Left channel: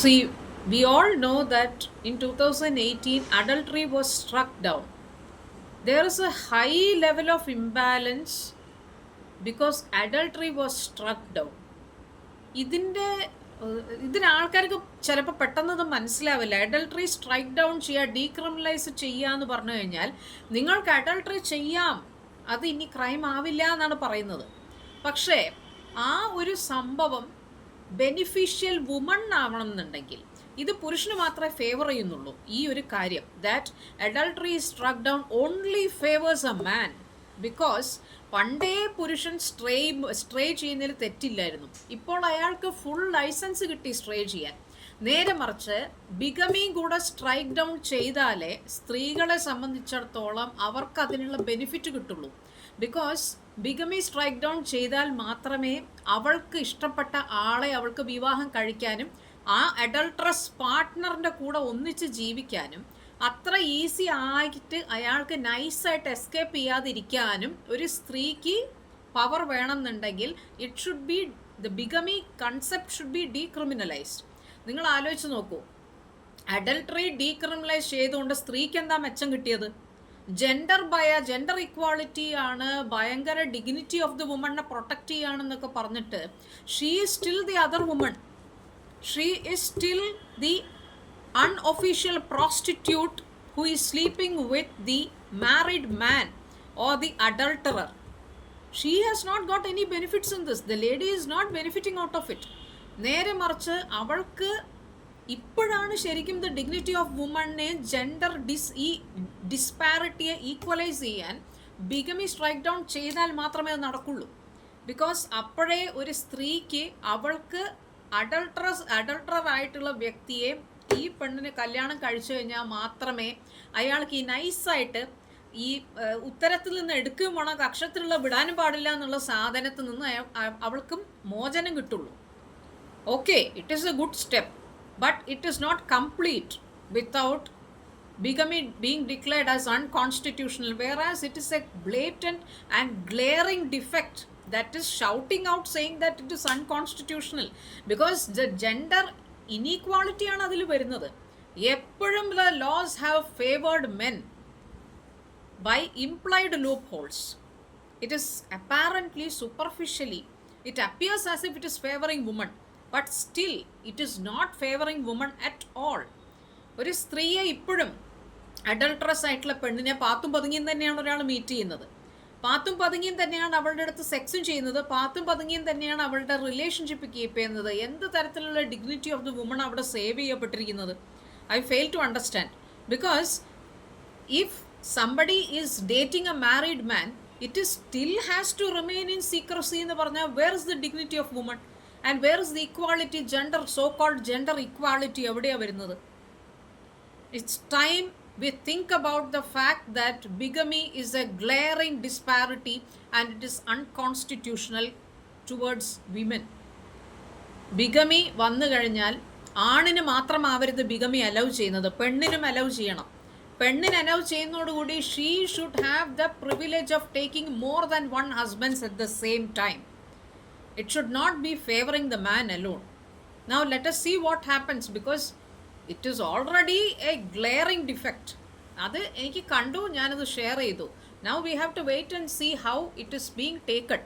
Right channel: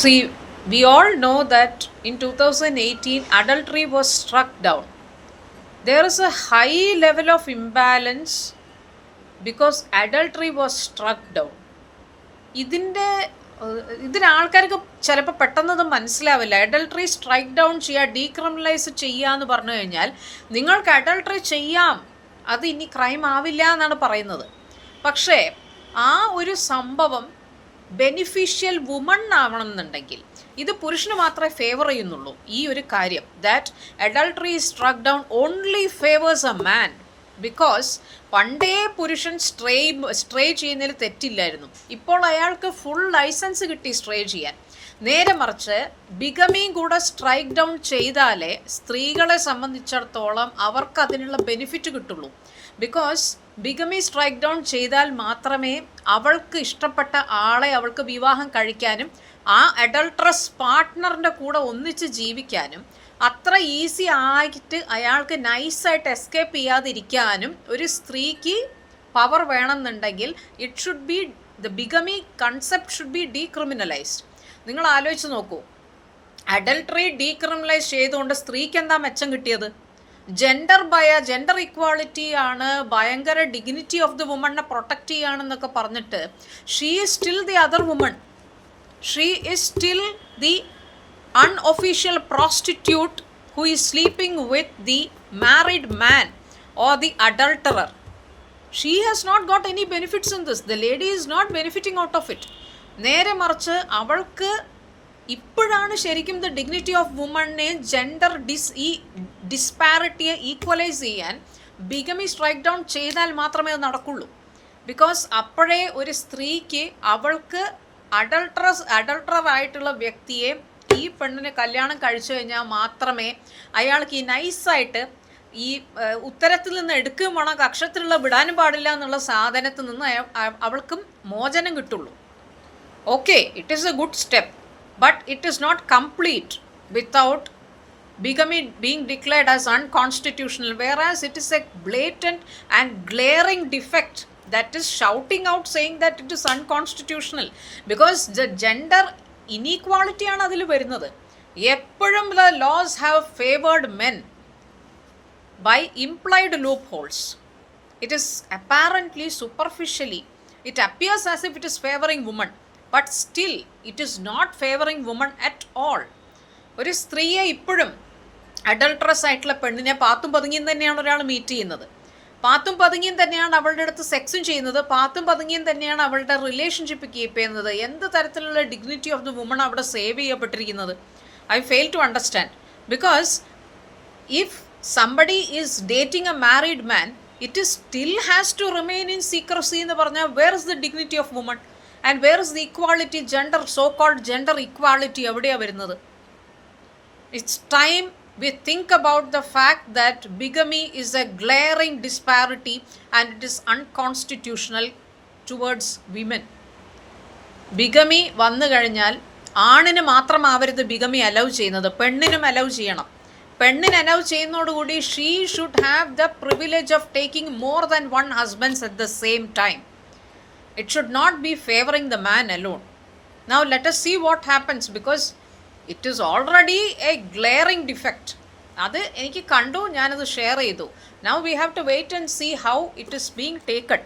See, we all know that in 2018, adultery was struck down. There is a high level of imbalance because adultery was struck down. ഇതിൻ്റെ ഇതിന് ആൾക്കാർക്ക് ചിലപ്പോൾ പെട്ടെന്നത് മനസ്സിലാവില്ല. Adultery strike down ചെയ്യുക, decriminalise ചെയ്യുക എന്ന് പറഞ്ഞു കഴിഞ്ഞാൽ നിങ്ങൾക്ക് അഡൾട്ടറി ചെയ്യാം, അത് ഇനി ക്രൈം ആവില്ല എന്നാണ് പറയുന്നത്. പക്ഷേ ആ ഒരു സംഭവം ബെനിഫിഷ്യൽ വുമൺ ആവണമെന്നുണ്ടെങ്കിൽ ഇത് പുരുഷന് മാത്രമേ ഫേവർ ചെയ്യുന്നുള്ളൂ. ഈ ഒരു കാര്യം that adultery സ്ട്രക്ക് down only favours a man, because പണ്ടേ പുരുഷൻ സ്ട്രേ ചെയ്യുന്നതിൽ തെറ്റില്ലായിരുന്നു. ഇപ്പോൾ അയാൾക്ക് ഫുൾ ലൈസൻസ് കിട്ടി സ്ട്രേ ചെയ്യാൻ. നേരെ മറിച്ച് ബിഗമിയും കൂടെ സ്ട്രൈക്ക് ഡൗൺ ചെയ്താലേ സ്ത്രീകളെ സംബന്ധിച്ചിടത്തോളം അവർക്ക് അതിനുള്ള ബെനിഫിറ്റ് കിട്ടുള്ളൂ. ബിക്കോസ് ബിഗമി സ്ട്രൈക്ക് ഡൗൺ ചെയ്താൽ മാത്രമേ അവൾക്ക് ഇഷ്ടപ്പെട്ട ആളെ അവൾക്ക് വിവാഹം കഴിക്കാനും ആ അഡൾട്രസ് പാർട്ട്ണറിൻ്റെ കൂടെ ഒന്നിച്ച് ജീവിക്കാനും അത്ര ഈസി ആയിട്ട് അയാൾക്ക് നൈസായിട്ട് എസ്കേപ്പ് ചെയ്യാതിരിക്കാനും ഒരു സ്ത്രീക്ക് പവർ വേണമെന്നുണ്ടെങ്കിൽ it should be the bigamy concept should be decriminalised. നിങ്ങൾ ആലോചിച്ച് നോക്കൂ, അഡൾട്ടറി ഡീക്രിമിനലൈസ് ചെയ്തുകൊണ്ട് സ്ത്രീക്ക് എന്താ മെച്ചം കിട്ടിയത്? ജെൻഡർ ഇക്വാളിറ്റി ആണ്, ഭയങ്കര ഡിഗ്നിറ്റി ഓഫ് ദി വുമണിനെ പ്രൊട്ടക്റ്റ് ചെയ്യുകയാണെന്നൊക്കെ പറഞ്ഞിട്ട് she is still the other woman. She is still the unofficial prostitute who is sleeping with the married man or the adulterer. She has not got any benefits in this. The lady is not benefiting out of it. നേരെ മറിച്ച് അവൾക്ക് ഇപ്പോഴാണ് ശരിക്കും the dignity of വുമണിനെ gender ഡിസ്പാരിറ്റിയെ equalise ചെയ്യാൻ bigamy strike down ചെയ്താൽ മാത്രമേ അത് നടക്കുള്ളൂ. ബിക്കോസ് അപ്പോഴേ ഒരു സ്ത്രീക്ക് അവൾക്ക് അഡൾട്ടറായിട്ടുള്ള വ്യക്തിയെ ഈ പെണ്ണിന് കല്യാണം കഴിച്ചു കഴിഞ്ഞാൽ മാത്രമേ അയാൾക്ക് ഈ നൈസായിട്ട് ഈ ഉത്തരത്തിൽ നിന്ന് എടുക്കുകയും വേണം, കക്ഷത്തിലുള്ള വിടാനും പാടില്ല എന്നുള്ള സാധനത്തിൽ നിന്ന് അവൾക്കും മോചനം കിട്ടുള്ളൂ. Okay, it is a good step, but it is not complete without bigamy being declared as unconstitutional, whereas it is a blatant and glaring defect that is shouting out saying that it is unconstitutional, because the gender ഇനീക്വാളിറ്റിയാണ് അതിൽ വരുന്നത്. എപ്പോഴും the laws have favoured men by implied loopholes. It is apparently superficially it appears as if it is favouring woman, but still it is not favouring woman at all. ഒരു സ്ത്രീയെ ഇപ്പോഴും അഡൾട്ടറസ് ആയിട്ടുള്ള പെണ്ണിനെ പാത്തും പതുങ്ങിയും തന്നെയാണ് ഒരാൾ മീറ്റ് ചെയ്യുന്നത്. പാത്തും പതുങ്ങിയും തന്നെയാണ് അവളുടെ അടുത്ത് സെക്സും ചെയ്യുന്നത്. പാത്തും പതുങ്ങിയും തന്നെയാണ് അവളുടെ റിലേഷൻഷിപ്പ് കീപ്പ് ചെയ്യുന്നത്. എന്ത് തരത്തിലുള്ള ഡിഗ്നിറ്റി ഓഫ് ദി വുമൺ അവിടെ സേവ് ചെയ്യപ്പെട്ടിരിക്കുന്നത്? I fail to understand. Because if somebody is dating a married man, it is still has to remain in secrecy എന്ന് പറഞ്ഞാൽ where is the dignity of woman and where is the equality, gender, so called gender equality എവിടെയാണ് വരുന്നത്? It's time we think about the fact that bigamy is a glaring disparity and it is unconstitutional towards women. ബിഗമി വന്നു കഴിഞ്ഞാൽ ആണിന് മാത്രമാവരുത് ബിഗമി allow ചെയ്യുന്നത്, പെണ്ണിനും allow ചെയ്യണം. പെണ്ണിന് allow ചെയ്യുന്നതോടുകൂടി she should have the privilege of taking more than one husbands at the same time. It should not be favouring the man alone. Now let us see what happens, because it is already a glaring defect. അത് എനിക്ക് കണ്ടു, ഞാനത് share ചെയ്തു. Now we have to wait and see how it is being taken.